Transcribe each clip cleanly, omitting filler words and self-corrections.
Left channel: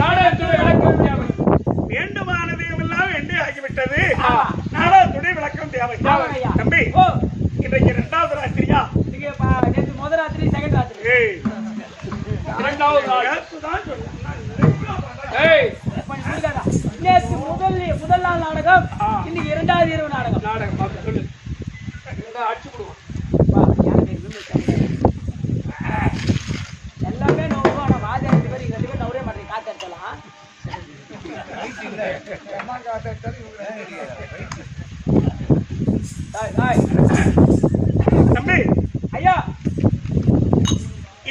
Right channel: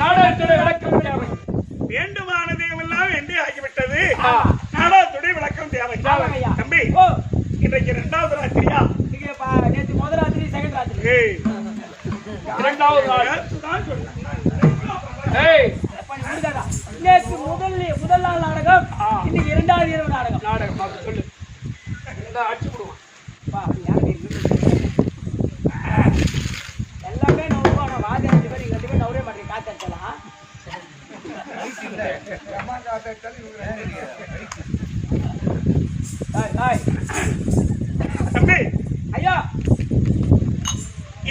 நாடகத்துடைய விளக்கம் தேவை. தம்பி, இன்றைக்கு 2வது ராத்திரியா? முதல் ராத்திரி, செகண்ட் ராத்திரி. 2வது நேற்று முதல் நாள் நாடகம், இன்னைக்கு 2வது இரவு நாடகம். நாடகம் சொல்லு, அடிச்சு விடுவோம். எல்லாமே நோக்கம். ஆனா ராஜா 2 பேர் 2 பேர் நவரே மாட்டேன். காத்தடிச்சலாம் தம்பி, ஐயா,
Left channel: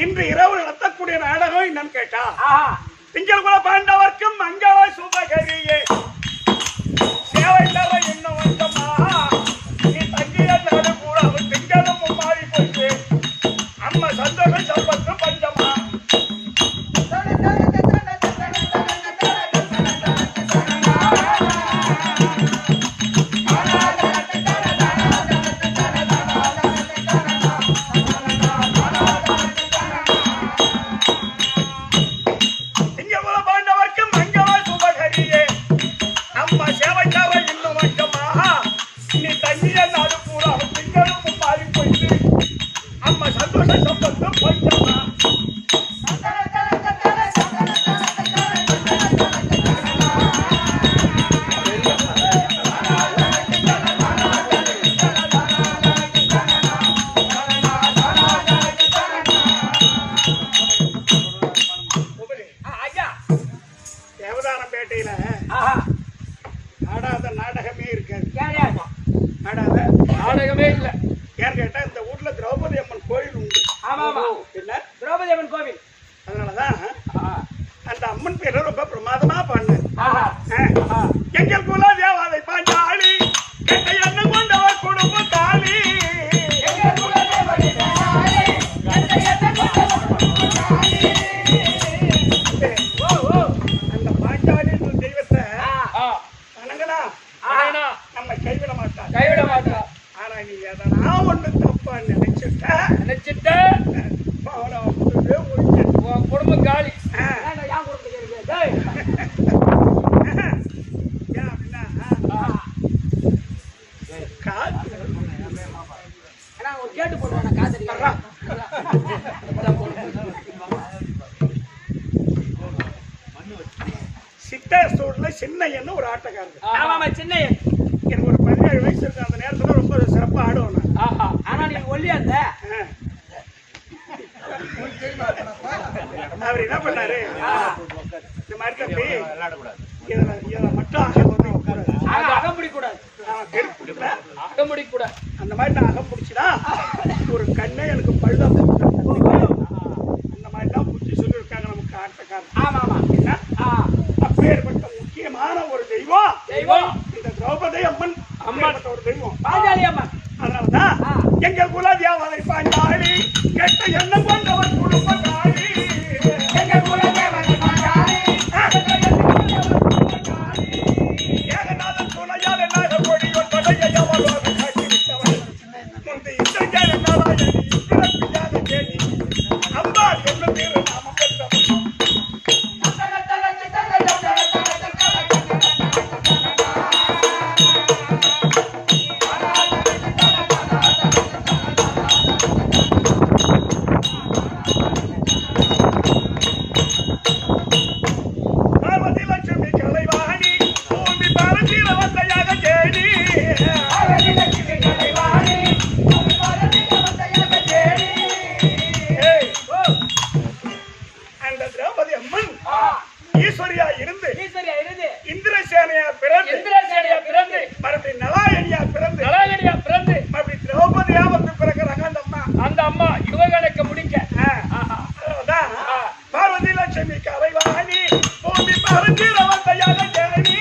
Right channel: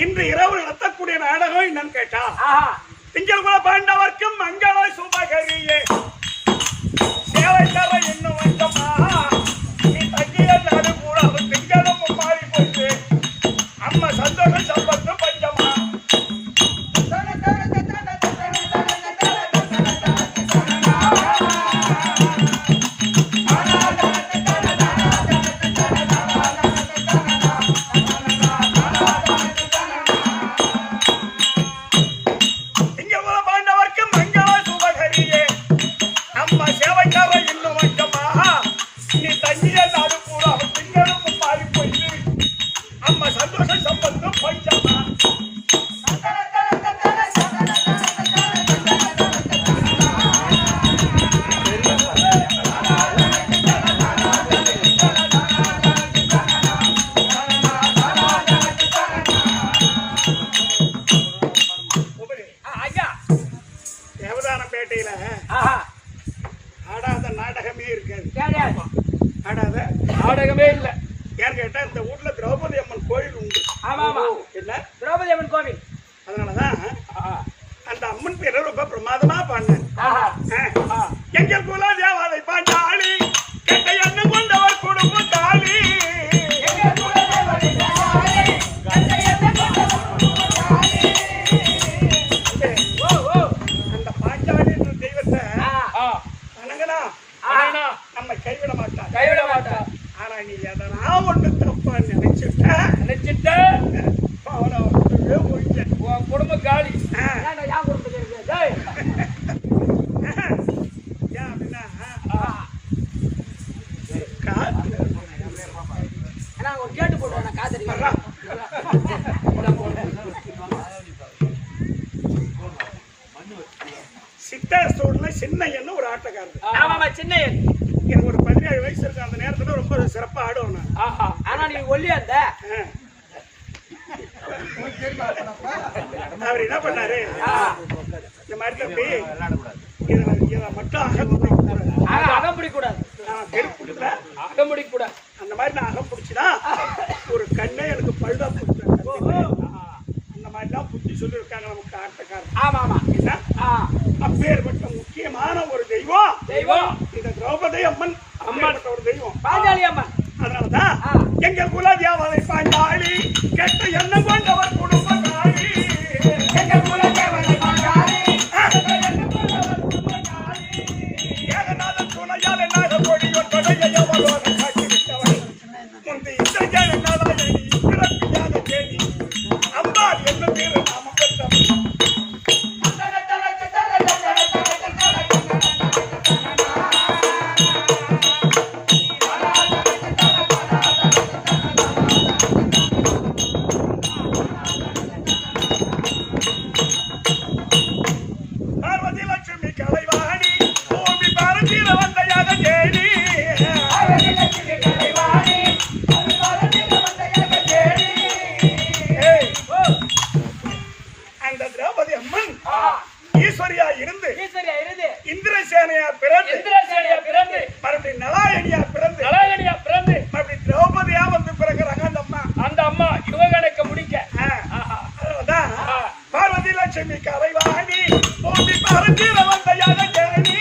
இன்று இரவு நடத்தக்கூடிய நாடகம் என்னன்னு கேட்டா, திங்கள் குல பாண்டவர்க்கும் மங்கள சுபகரியே சேவை தர இன்னும் வந்தமா நீ தங்கிய நாடு கூட திங்களும் மாறி போயிட்டு அம்மா சந்தோஷம் சம்பத்து பஞ்சமா. ஆடாத நாடகமே இருக்காது. ஆடாத நாடகமே இல்ல. ஏன்னு கேட்டா இந்த ஊர்ல திரௌபதி அம்மன் கோயில் உண்டு. என்ன திரௌபதி அம்மன் கோவில்? அதனாலதான் அந்த அம்மன் பேர ரொம்ப பிரமாதமா பாடினார். எங்கள் குல தேவதை பாஞ்சாலி கெட்ட எண்ணம் கொண்டவர் குடும்ப காளி. அந்த பாஞ்சாலி தெய்வத்தை நம்ம கைவிட மாட்டா. ஆனா நீ எதனா ஒண்ணு தப்பா நினைச்சிட்ட அவனை உன் குடும்ப காலி. என் குடும்பத்துக்கு அப்படின்னா காத்து ஒரு கேட்டு போட்டு காத்தடி சித்தாசோடுல சின்னையன்னு ஒரு ஆட்டக்காரர். சின்னையன் எனக்கு ஒரு 17 வயசு இருக்கு. அந்த நேரத்துல ரொம்ப சிறப்பா ஆடுவேன். ஆனா நீ ஒல்லியா இருந்த. அவர் என்ன பண்ணாரு, இந்த மாதிரி தம்பி இதை மட்டும் அகம் பிடிக்கூடாது. அகம் பிடிக்கூடாது. அந்த மாதிரி நான் அகம் பிடிச்சுனா ஒரு கண்ணை எனக்கு பழுதா அந்த மாதிரிலாம் புத்தி சொல்லியிருக்காங்க நமக்கு ஆட்டக்காரர். ஆமா என்ன அப்பேற்பட்ட முக்கியமான ஒரு தெய்வம் இந்த திரௌபதி அம்மன். அம்மன் ஒரு தெய்வம் பாஞ்சாலி அம்மன். அதனாலதான் எங்கள் குல தேவதை பாஞ்சாலி கெட்ட எண்ணம் கொண்டவர் குடும்ப காளி. எங்கள் குல தேவதை பாஞ்சாலி ஏகநாதன் துணையால் என்னாக கொடியோன் தொடையை அவளோடு காட்டிவிட்டவன் முந்தி இசையால் என்னாலாயி பிறப்பியாத கேடி அம்பாள் என்ன பேரு நாம பெற்றவன். ஈஸ்வரியா இருந்து இந்திரசேனையா பிறந்து மறுபடியும் நலாயணியா பிறந்து மறுபடியும் திரௌபதியா வந்து பிறகுறாங்க அந்த அம்மா யுவகணக்க முடிக்க. அதனாலதான் பார்வதி லட்சுமி கலைவாணி பூமி பரஞ்சீர வந்த யாக ஜேனி.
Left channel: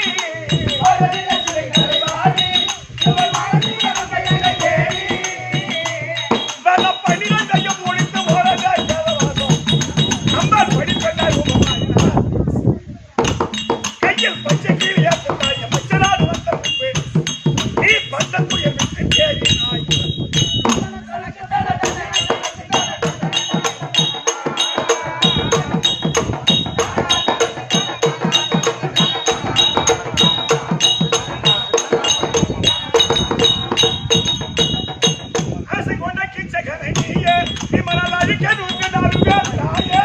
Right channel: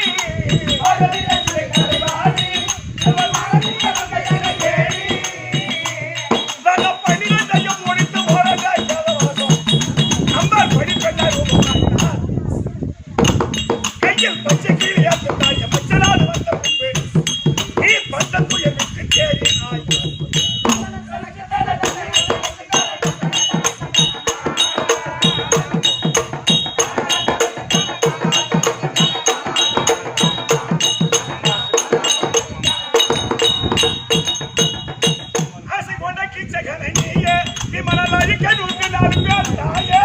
அழிக்க 104 பேர் தாயே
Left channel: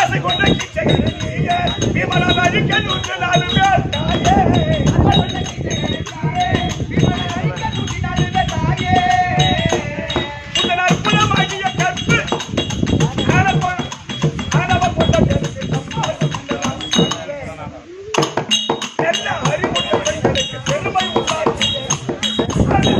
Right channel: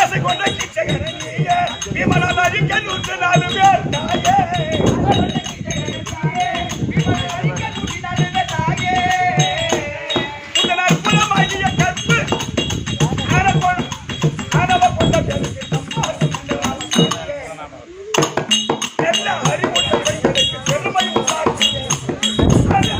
ஆசை கொண்ட கிச்சகரணியே விமலன் அழிக்க 104 பேர் தாயே உங்கள் அற்புதமாகிய கற்பு ஆணவ கொண்ட பெண்ணுக்கு நல்ல அறிவுள்ள பெண்களுக்கு பெருமை உண்டாக்கிய அது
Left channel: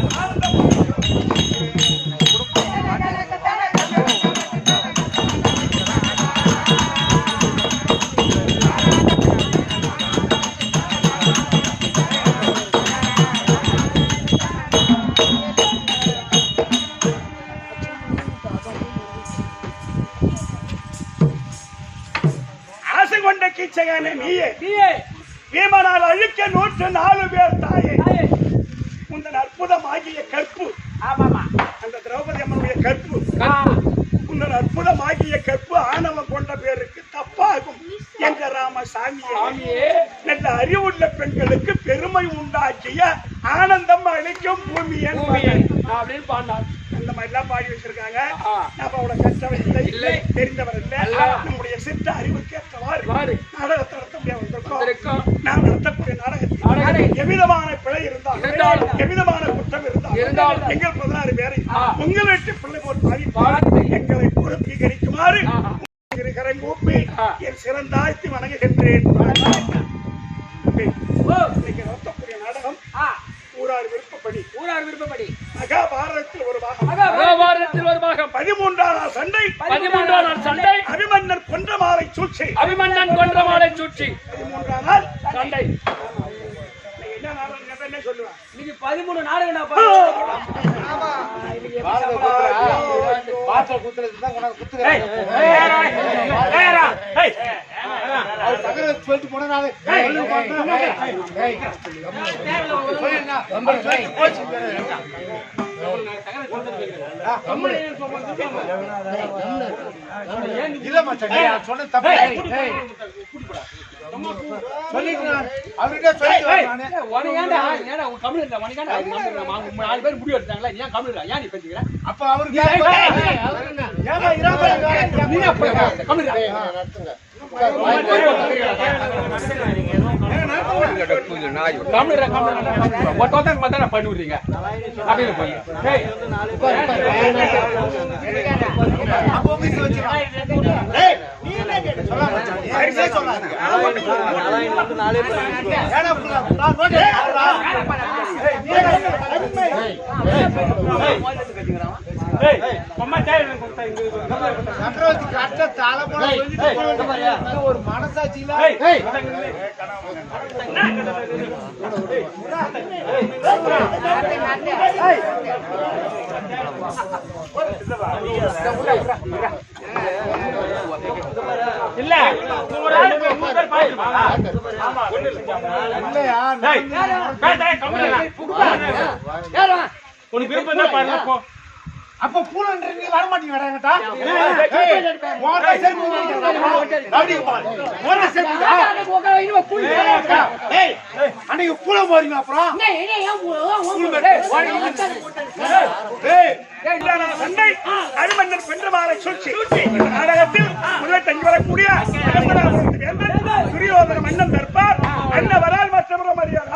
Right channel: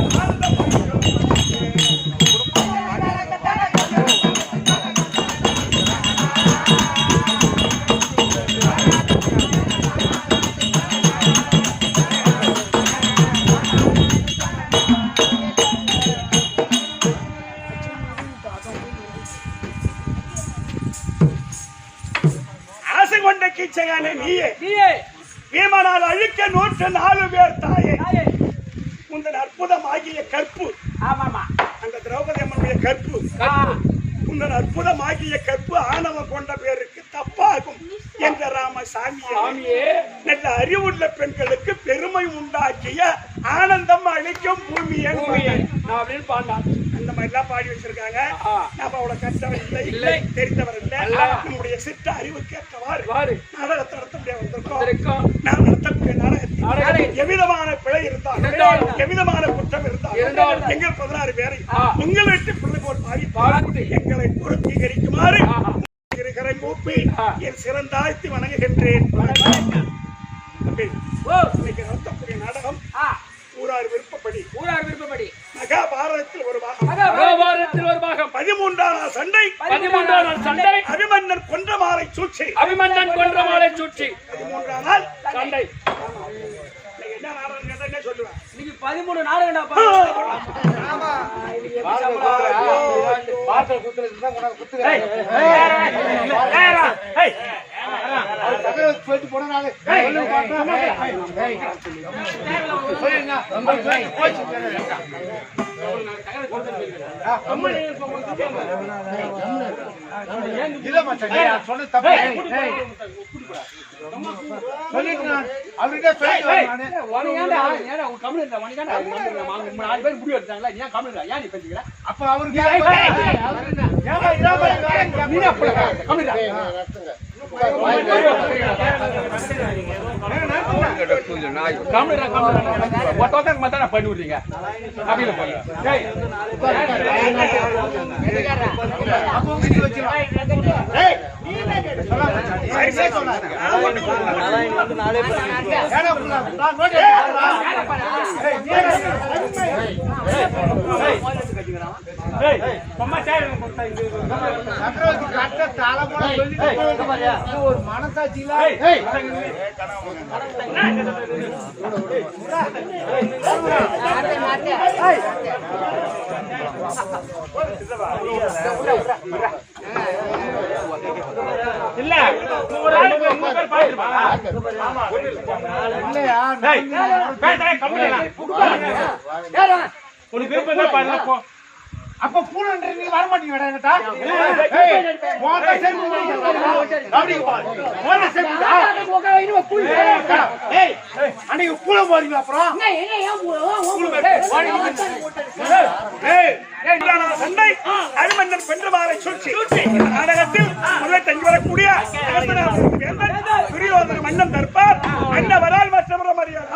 ஆசை கொண்ட கீச்சகானே நீயே வீமனால் அழிக்க 104 பேர் தாயே உந்தன் அற்புதமாகிய கற்பு அந்த திரௌபதி அம்மனுடைய கற்பு உந்தன் அற்புதமாகிய கற்பு ஆணவம் கொண்ட பேருக்கு தப்பாகும் என்ற ராமசாமியே நல்ல அறிவுள்ள பெண்களுக்கு பெருமை உண்டாக்கிய ஆனந்தம் அளிக்கும் பூமி அப்படின்னு பாடினார். அந்த மாதிரி எல்லாம் பாடி வச்சிருக்காங்க. நாம அவ்வளவு கற்றவர் இல்லை, தெரிந்தவர் இல்லை. நம்முடைய சித்த அறிவுக்கு ஏற்றவாறு நாடகத்தை நடத்த முடியாது வந்திருக்கோம். நாம் நடத்தக்கூடிய நாடகத்தில் எவ்விதமான பிழை இருந்தாலும் எவ்விதமான குற்றம் இருந்தாலும் எங்கள் 16 பேரை உங்கள் வீட்டு பிள்ளை போல் பாடி எங்களை பொருத்தீகரிக்குமாறு கூப்பி என் சிறந்தாழ்த்தி வணங்குகின்றேன். இன்னைக்கு நடத்தக்கூடிய நாடகம் ஊரார் விருப்பப்படி மகாபாரதத்தில் ஒரு பாகம் 13ஆம் சண்டை அபிமன்னன் கொன்ற மாலை சூழ்ச்சி 13ஆம் நாள் சண்டை. என்ன நாடகம் கேட்டா என்ன சொல்லுவேன்? இன்னைக்கு 13 நாடகம்டா. பண்ணுறீங்க ஒரு மனசாட்சி இல்ல உனக்கு விருப்பம் தான் பாருங்க போ. அப்ப பூனன்ற நீ வர மாட்டீங்க வேடா பூல போறீங்க அப்புறம் சண்டை அபிமன்னன் பெண்மாலை சூழ்ச்சி. இந்த நாடகத்தில் முதல் தங்கி வரக்கூடிய துரியோதன மன்னன் தற்பார் அன்னவரால் மற்றவர மரியாதை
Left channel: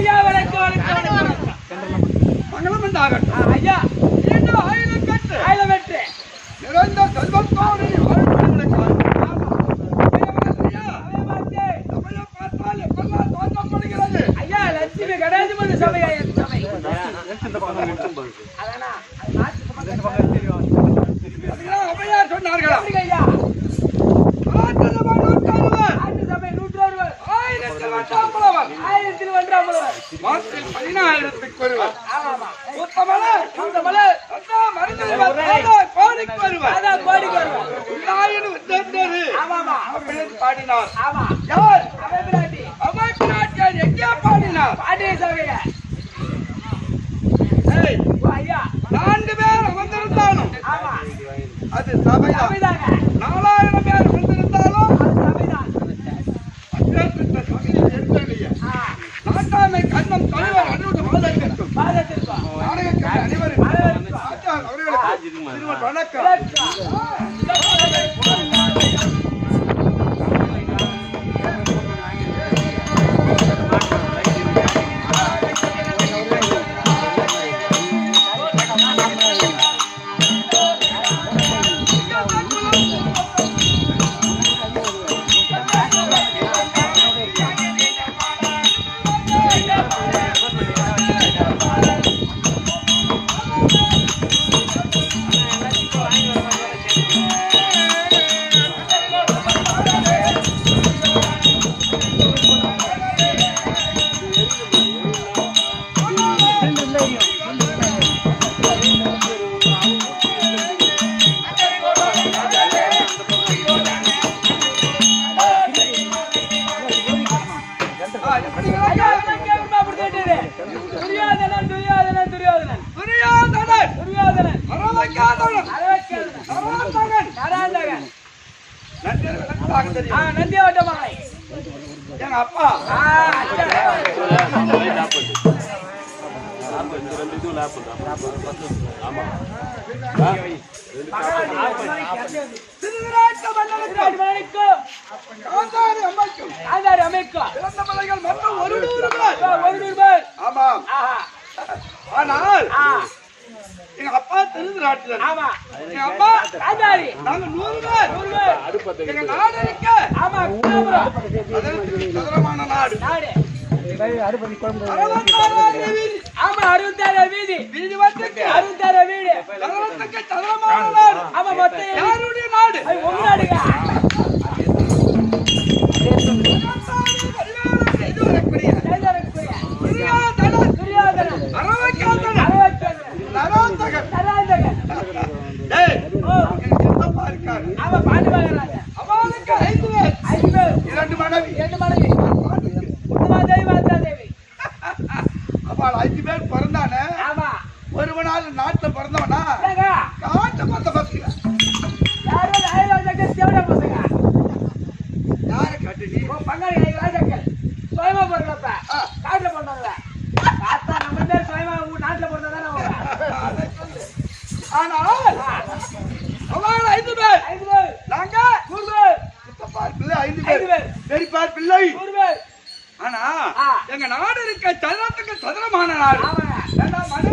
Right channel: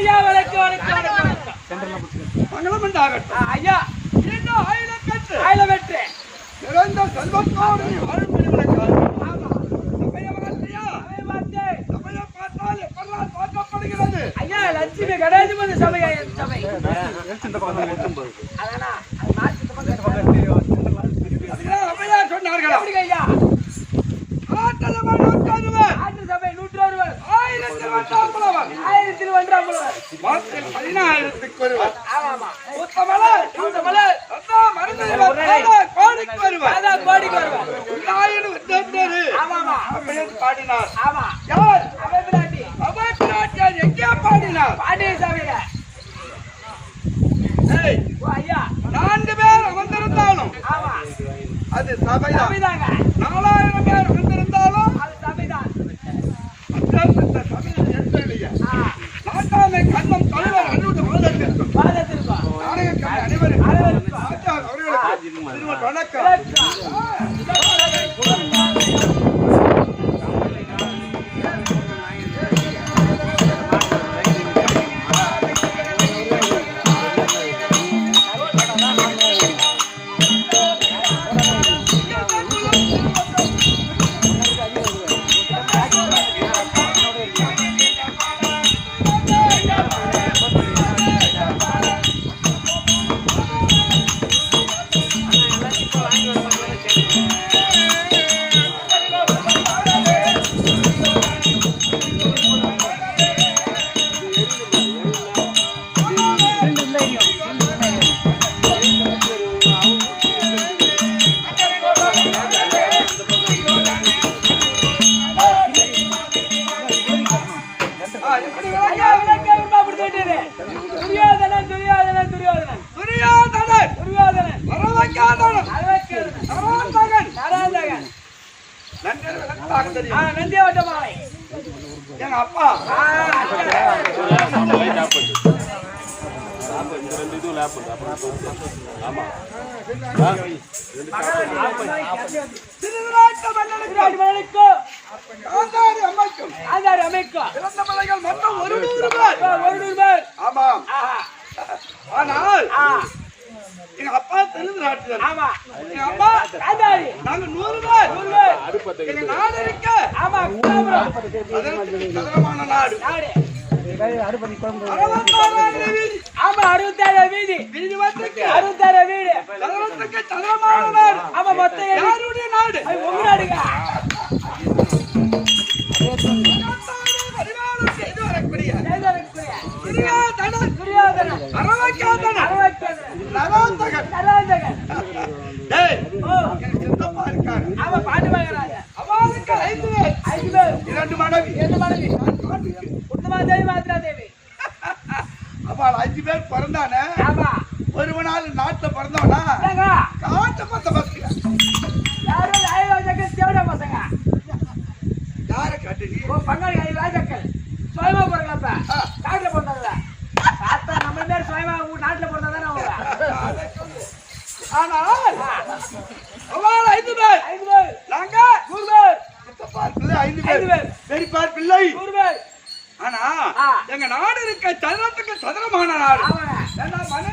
ஐயா வணக்கம் வணக்கம் வணக்கம் வணக்கம். மங்களம் உண்டாகட்டும். ஐயா நீண்ட ஆயுதம் பெற்று ஆயிரம் வெற்றி. நிறைந்த செல்வத்தோடு நீ வாழ்வதற்காக சபையை பார்த்தால் எப்பெல்லாம் தோற்றப்படுகிறது. ஐயா லட்சுமி கணேசபதி சபை சபை அதானா அது மாற்றி அதுதான் அம்மையார் சொன்னார்களா? ஐயா ஆற்று சபை 160 ஆயிரத்தில் ஒன்றாம் புலவர். 1000 ஒன்றாம் புலவர். மாற்றில் 14,000க்கு ஒருவர். ஆமாமா உத்தமலர் கௌதமலர் அதான் மருந்துவர் கோடிக்கு வருவர். அதான் கோடிக்கு வருவார். உண்டாயினும் உத்தமரு ஆமாமா அப்படின்னு பாடினார். ஆமா யார்? அவை பிராட்டி அவைப்பிராட்டியார் எங்கே பாடினார்? பாண்டிய சபையில. ஏய், ஓ ஐயா 4 பேர் அமர்ந்திருந்தாலும் ஆமா அது சபைதான். சபைதாங்க 4000 பேர் அமர்ந்திருந்தாலும் அது சபைதான். அத்தியாசத்த சபையில் எழுந்தருளிய நாட்டாமை கண்ணம் தலைவர் அனுமதி மாதத்திற்கும் பாதத்திற்கும் நாடகக்கார அனைவரும் அனைவருக்கும் ஆச்சார் அவர்களுக்கு திரும்ப வணக்கம். துரியோதனன் துரியோதனன் துரியோதனன் துரியோதனன் துரியோதனன் அரவங்காதனன் அரவக்கேதனன் நராந்தகன் நராந்தகன் நன்றி விளக்கமாக தெரியும். நந்தியோட்ட மலை எங்க அப்பா திருவிராட்ட மன்னனுக்கு காந்தாரி அம்மைக்கும் ஆதாரி அமைக்கும் பிறந்த பிள்ளைகள் மொத்தம் 100 பேர். ஆமாம். ஆனால் எங்க அப்பா திருவிராட்டினர். ஆமா எங்க அப்பா ஆதாரி நாங்க 100 பேர். எங்க நாடு இருக்க ஆமா கோபுரம் சதுரமான நாடு. நாடு 66 வீதி. ஆமா 67 வீதி வீதி வட்டுக்கு 67 வீடு சதுரத்துக்கு சதுரமான நாடு. ஆமா மொத்தம் யாருடைய நாடு? உங்க நாடுங்க பரிமாணம் செய்து வரக்கூடிய ஜெயலலிதா துரியோதனன் துரியோதனன் அரவங்காதனன் அரவக்கேதனன் நராந்தகன். நராந்தகன் டேய், ஓ எங்க சித்தப்பா இருக்காரு. ஆமா பாட்டு வாங்குறாங்க அவனுக்கு 5 பேர். 5 பேர் 2 மனைவி. 2 மனைவி உத்தமா தேவி மாத்ரா தேவி அவள் 5 பேர் பிறந்தானே. ஆமா ஒருவனால நாட்டுல பிறந்தவனா ஏங்க, காட்ட பார்த்த பசங்க யாரும் ராஜாக்கள் தேவடா பசங்க. யார காட்டு நீ உன் பங்காளி ராஜாக்கள் சுயமா பிறக்கலப்ப காட்டுல பிறந்தாங்க. பார்த்தா நம்ம பேர் சுயமா நாட்டுல பிறந்தாதானே அவங்க. ஆனால் அவன் 5 பேர் 5 பேர், நாங்க 100 பேர், சித்தப்பார் பிள்ளை 5 5 பேர் பேர், பெரியப்பார் பிள்ளை 100 பேர். ஆனா ஆ. எங்க நாடு இருக்க சதுரத்துக்கு சதுரமான நாடு ஆமாங்க. ஏண்டா மனு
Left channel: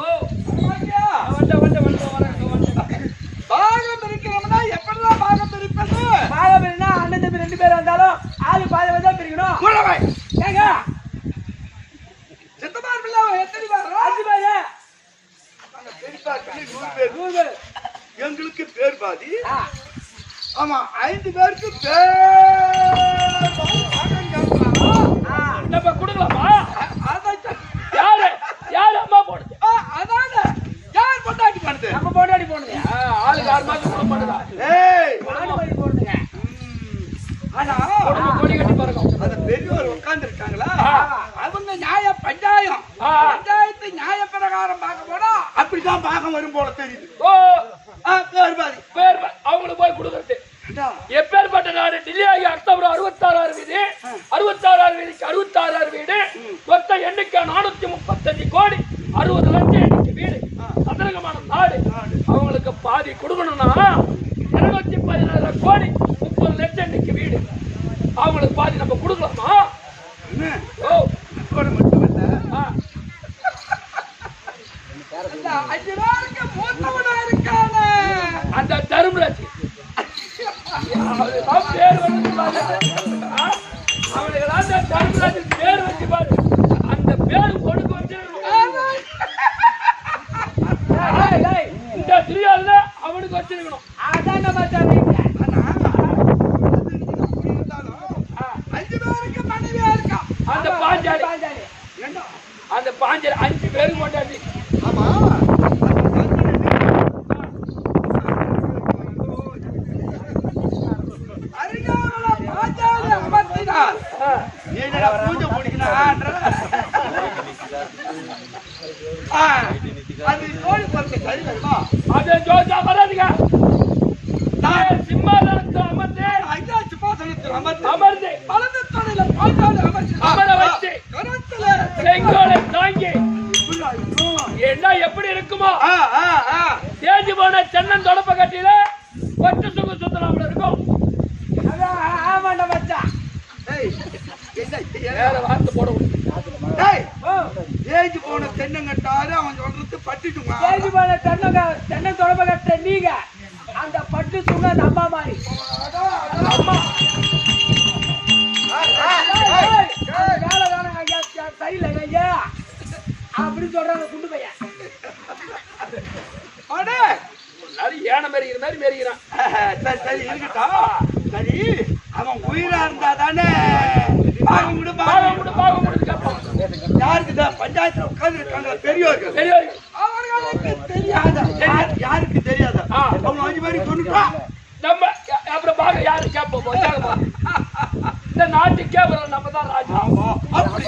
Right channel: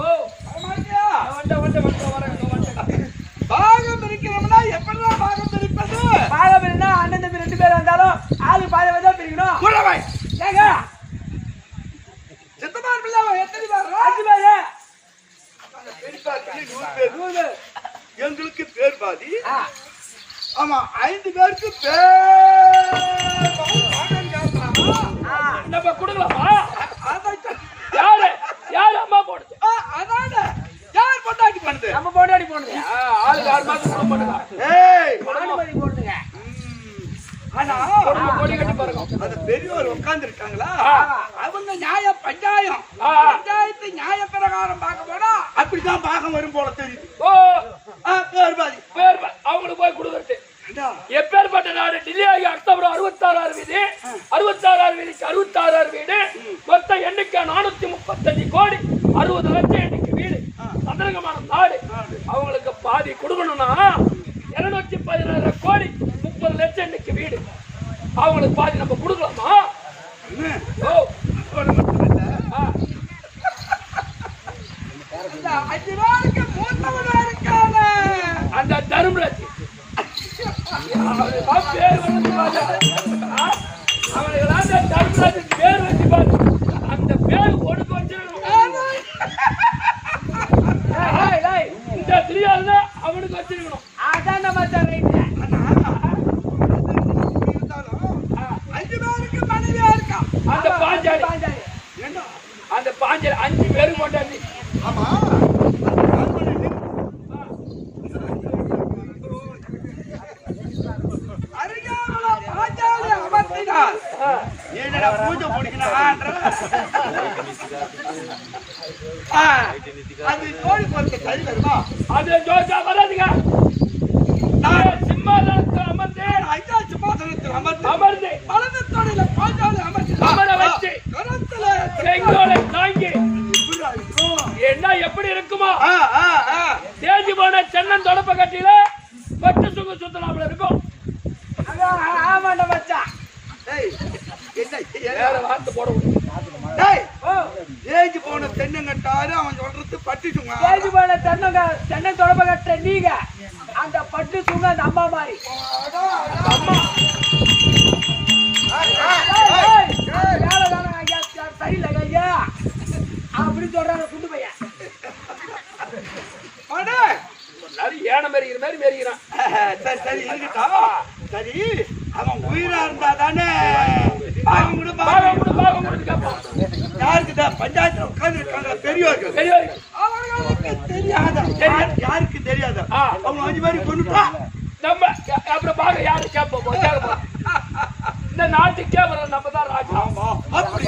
ஓ, ஆமாங்கியா? வந்துட்டேன். பாகம் இருக்கிறோம்னா எப்படிலாம் பாகம் பிரிப்பது பாகபிரினா அண்ணன் தம்பி 2 பேர் வந்தாலும் ஆளு பாதி வந்தா பிரிக்கணும். புலவை ஏங்க, சித்தப்பார் பிள்ளை எத்தனை பேர் 5 பேரு, அந்த பெரியப்பார் பிள்ளை 100 பேர் 100 பேர். எங்களுக்கு பேர் பாதி ஆ, ஆமா 5 பேருக்கு பேர் பாதி பாகம் கேட்கறானா ஆ, நம்ம கொடுக்கலாமா? யாரு யாரு அம்மா போடுது? அதான யார் பொண்டாட்டி பண்ணுது நம்ம போட்டாடி போடுது. ஆளுக்கு 6 மாசம் பண்ணுதா? ஏய் மாடுபடி போடுதுங்க. ஆனா கொடி கட்டி பறக்கும். அந்த பெரியவர் உட்கார்ந்து இருக்காங்களா ஆ. அவங்க நியாய பஞ்சாயம் ஆ. பஞ்சாயத்து நியாய பிரகாரம் பார்க்க போனா அப்படிதான் பாகம் வரும் போல தெரியுது ஓ, பேர் பாதி பேர் அவங்களுக்கு போய் கொடுக்கறது. எப்பேற்பட்ட நாடு டில்லி ஆகி அக்டோபர் 66 வீடு 66 வீடுக்கு 66 வீடு மொத்த எண்ணிக்கை 435 கோடி 60 லட்சம் எண்ணிக்கை வீடு சதுரங்கமான நாடு. அவங்களுக்கு பாதி கொடுக்கணும்னா 216 கோடி 30 லட்சம் எண்ணிக்கை வீடு அவங்களுக்கு பாதி நம்ம கொடுக்கலாமா? ஓ, அதோட மட்டுமல்ல ஆ, அந்த 5 பேருக்கு மூத்தவனா இருக்கான அந்த தர்மராஜ் அவனுக்கு பேர் வந்து பாரு. அவனுக்கு தர்மராஜ் பேர் வச்சு பாரு. அந்த பேர் ஒடுக்கு வச்சிருக்கணும். இந்த திரியால அவனுக்கு வச்சிருக்கணும். அதான் நம்ம ஆனா அது இருந்தாலும் 5 பேருக்கு மனைவியா இருக்கா அந்த பாஞ்சாலி ஏண்டா அந்த பாஞ்சாலி 5 பேரும் கொண்டாடி. ஆமா அருகாமல பாஞ்சாலி அமர்த்தினார் என்னடா பூஜை பிடிக்கணும்ன்ற அது ஜோடி பொறுத்த சரி வருமா அது ஜோஜா வராதுங்க. நான் சிம்மாசனத்தை அமர்ந்து ஐயா சிம்மாசனத்தில் அமர்ந்து வலது தொடையில பாஞ்சாலி அமர வச்சு கரத்துல செங்கோலை தாங்கி என்ன எப்படி இருக்குமோ தேஞ்சு போன சென்னன் தொடப்ப கட்டியில கொட்டு சுங்க சுத்தலாம் இருக்கும். ஆமாண்ட மச்சான் வார்த்தை போட தேஞ்சு போன தென்னங்கட்டாரு அவன் சொல்றது பட்டிட்டுங்க தேஞ்சு போன தென்னன் தொடப்ப கட்ட நீங்க அந்த பட்டு சுங்க அந்த அம்மா மாதிரி அம்மா சரியில்லை ஐயா அப்படி சொல்றாங்க குண்டு பையன். ஏன மேரிக்கிற மாதிரி மேரிக்கிறான். சரி சரி இருக்கட்டும் சரி அவன் உயிரா இருந்தா தானே பாகம் கூட கேட்பான். யாருக்கு பஞ்சாயத்துல உட்கார்ந்து இருக்காங்க பெரியவர்கள் பெரியவர்கள் அவர்களுக்கு தெரியாத யாருக்கு தெரியாத அவங்க 5 பேருக்கு கொண்டுட்டா நம்ம அப்புறம் பாக்க யாரு கேட்போம். இந்த நாட்டுக்கே அப்புறம் நம்ம தான் ராஜா. அப்படி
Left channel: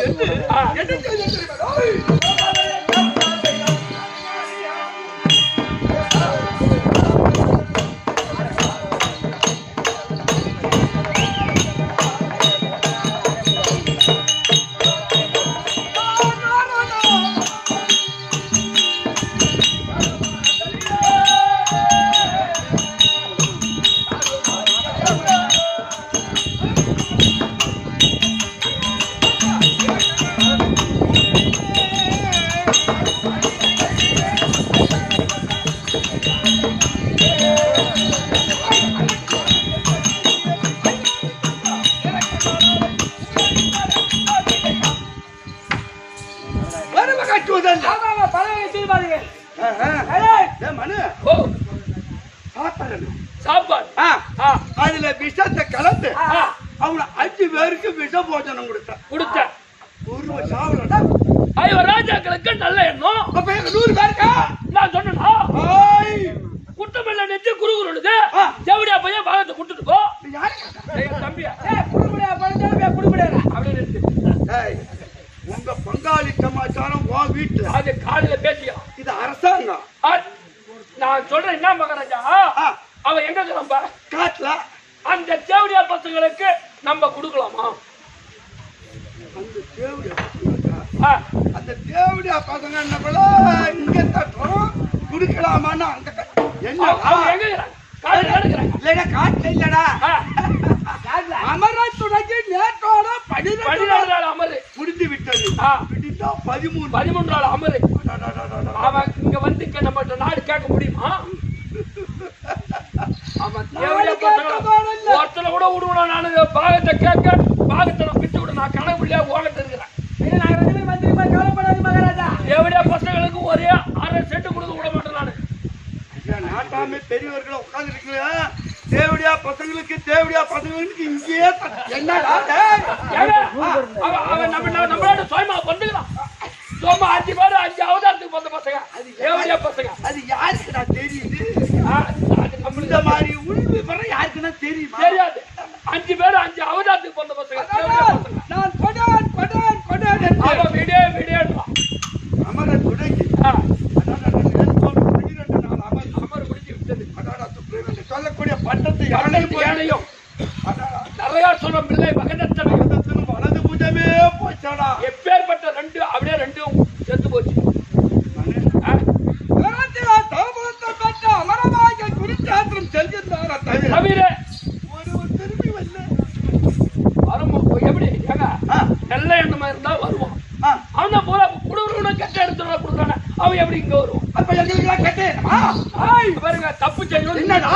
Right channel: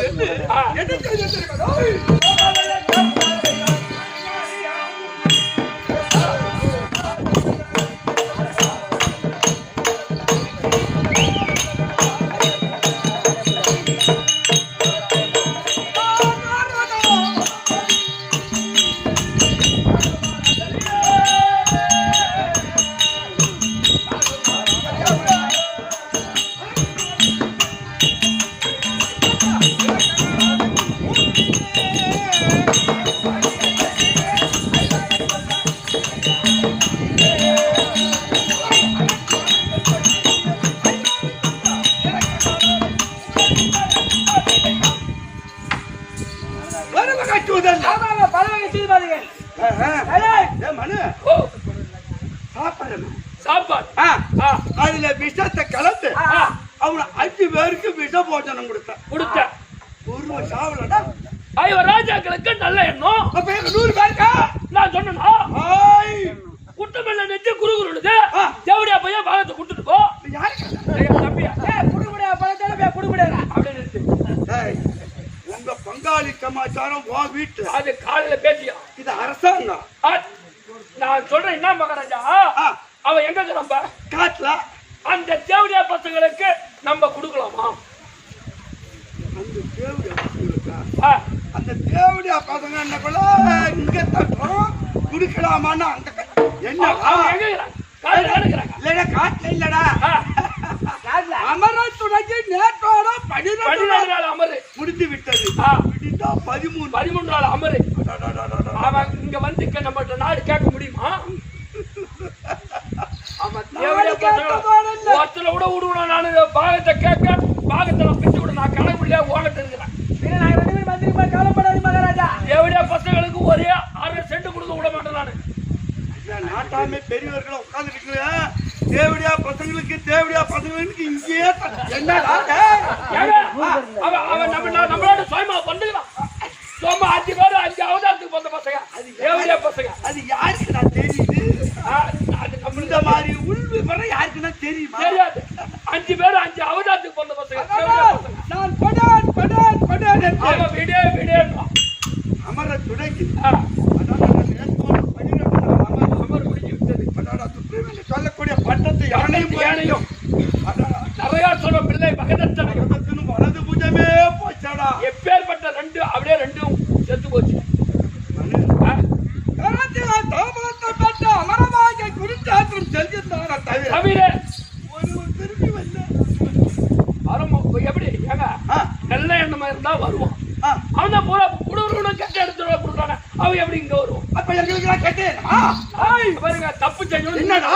அதுல விஷத்தை கலந்து அவனை 5 பேருக்கு விஷ போஜனம் கொடுத்த ஒரு சாவலடா ராஜாக்களுக்கு நல்ல எண்ணம். அப்ப 100 பேருக்கா நான் சொன்னா குட்டமெல்ல நெஞ்சு குறுகுறுடுது. ஜவுடியா பையன் பாலத்தை கொடுத்துட்டு போ. தம்பியா குடுபடியா பழத்தாலும் குடுபடியா அப்படின்னு உங்க பங்காளி சமாச்சாரம் உன் வீட்டுல அது காலையில பேசியா இது அரசாங்கம். நான் சொல்றேன் என்ன மகாராஜா, அவன் எங்க இருக்கிறான் காட்டுல. அந்த தேவடியா பசங்களுக்கு நம்ம கொடுக்கலாமா? அந்த தேவடியா பசங்களுக்கா? அந்த தேவடியா பசங்க என்ன போல இங்க தட்டோம் குடுக்கலாமான்னு அங்க என்ன எங்க இருக்கிறாங்க? இல்லடா காட்டுல இல்லடா. அமர துணைக்கு நேற்றோட 12 நாள் அமரு முடிந்து விட்டது. விட்டா 13 நாள் அமரு. அவன் இங்க வந்து நம்ம நாடு கேட்க முடியுமா? ஒருத்தனை கூட விடுவேன் நானு. பாகத்தை கேட்க பாகத்தை பிச்சு விட நான் கணக்கு முடியா ஓகட்டு இருக்கிறேன். கவலைப்படாது மகாராஜா. தேவடியா பசங்களுக்கு ஒரே 6 சென்ட் கொடுக்க விட மாட்டேன் நானு. நாட்டாமே பெரியவர்களை உட்கார்ந்து இருக்கீங்க. தேவடியா பசங்களுக்கு இங்கேயே என்னடா அவன் நம்மளோட சுயமா பண்ணுகிறான். சும்மா 5 பேர் 5 அவதாரத்துக்கு வந்த பசங்க. அது தேவடியா பசங்க. அது யாருக்குடா தெரியுது? இந்த மாதிரி உள் விவரம் யாருக்குன்னா தெரியுமா? தெரியாது. 5 பேர் 5 அவதாரத்துக்கு வந்த பசங்க. நான் கொடான் விடே அமர துணைக்கு சொல்லக்கூடிய பட்டத்தை யானையும் நிறைய சொன்ன பிள்ளை மகனத்தின் வலது பூஜமே போச்சாடா. எப்பேற்பட்ட 2 அப்படியே 2 செத்து போச்சு. அமரமாக குறிச்சாத்திரம் செல்கின்றார தவிர ஒரு திரும்பி வரல. எப்படி ஏங்க நல்ல எண்ணமா இருந்தா வருவான். அவன் பூரா குடும்பம் கெட்ட எடுத்து கொடுக்குறான. அவன் எப்படி இங்க வருவான்? அப்ப எங்களுக்கு கெட்ட பாருங்க தப்பு செய்யணும். என்னடா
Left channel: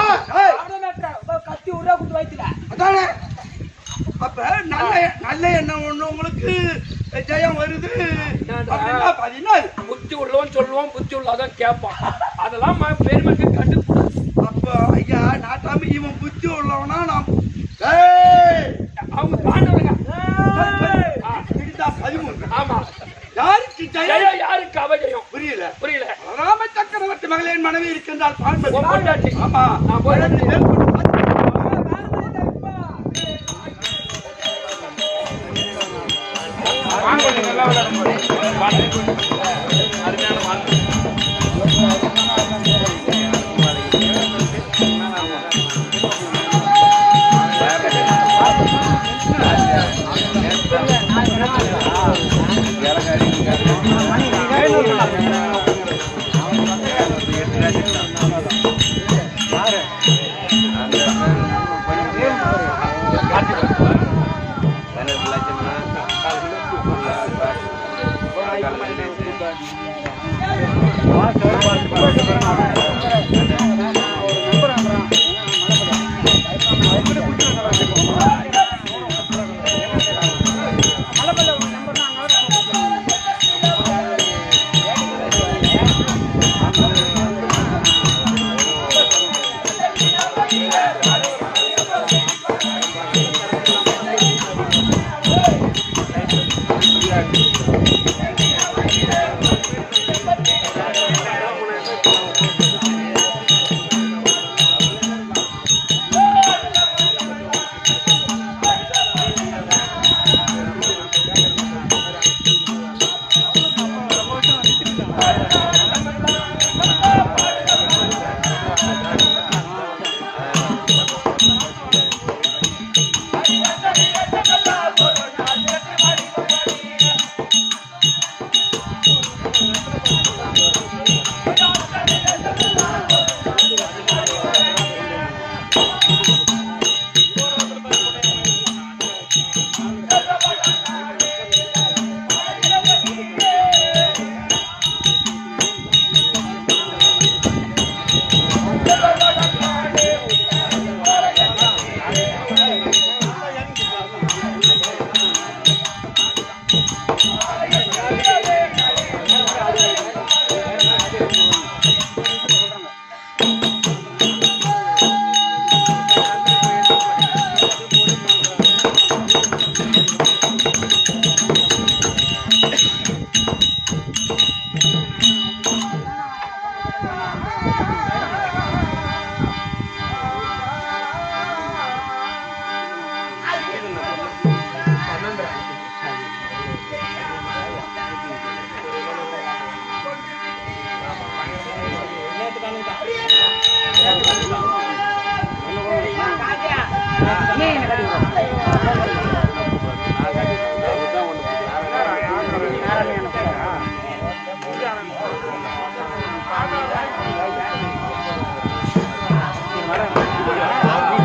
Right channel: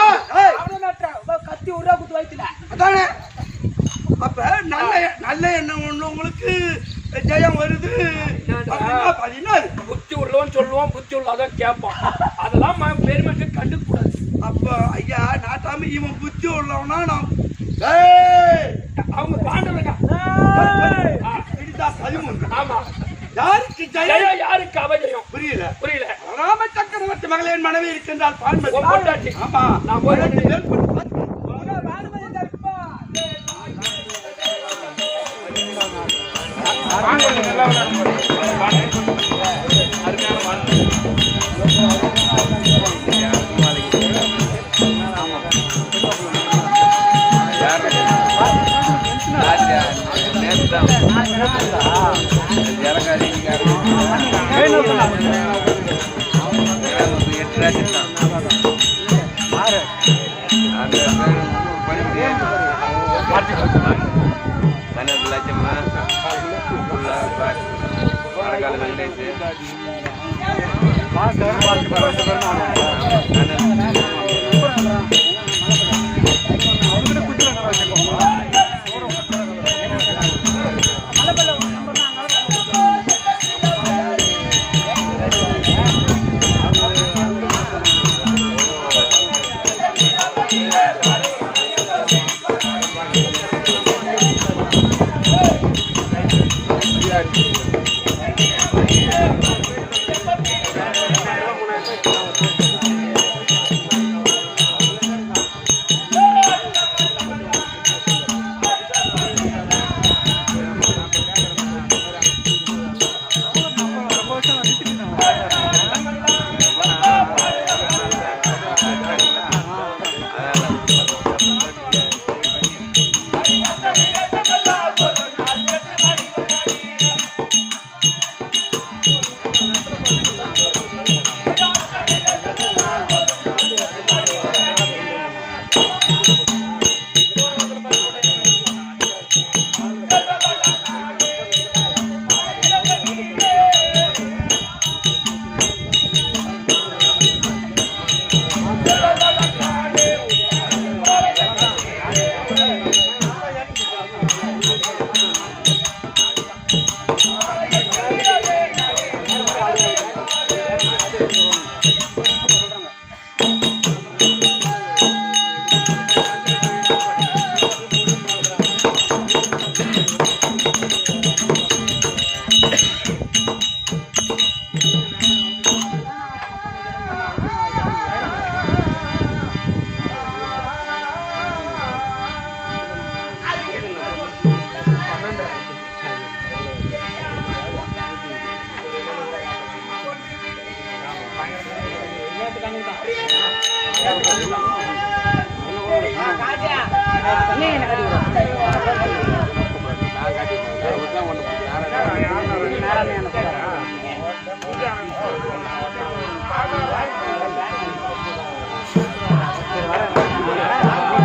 கத்தி உருவா குத்து வைக்கல. அதானே அப்ப நல்ல எண்ணம் ஒண்ணு உங்களுக்கு ஜெயம் வருது. புத்தி உள்ளவன் சொல்லுவான், புத்தி உள்ளதான் கேட்பான். அதெல்லாம் பெருமைக்கு கண்டுக்கூடாது. அப்ப ஐயா நாட்டாம இவன் புத்தி உள்ளவனா நாம் அவங்க பாண்டவங்க 13. ஆமா. யாருக்கு ஜெயம் யாருக்கு அவஜயம்? புரியல. ராம சக்கரவர்த்தி மகளின் மனைவி இருக்கின்றால் பான்பதி. ஆமா நான் போய்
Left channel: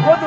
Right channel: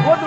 போட்டு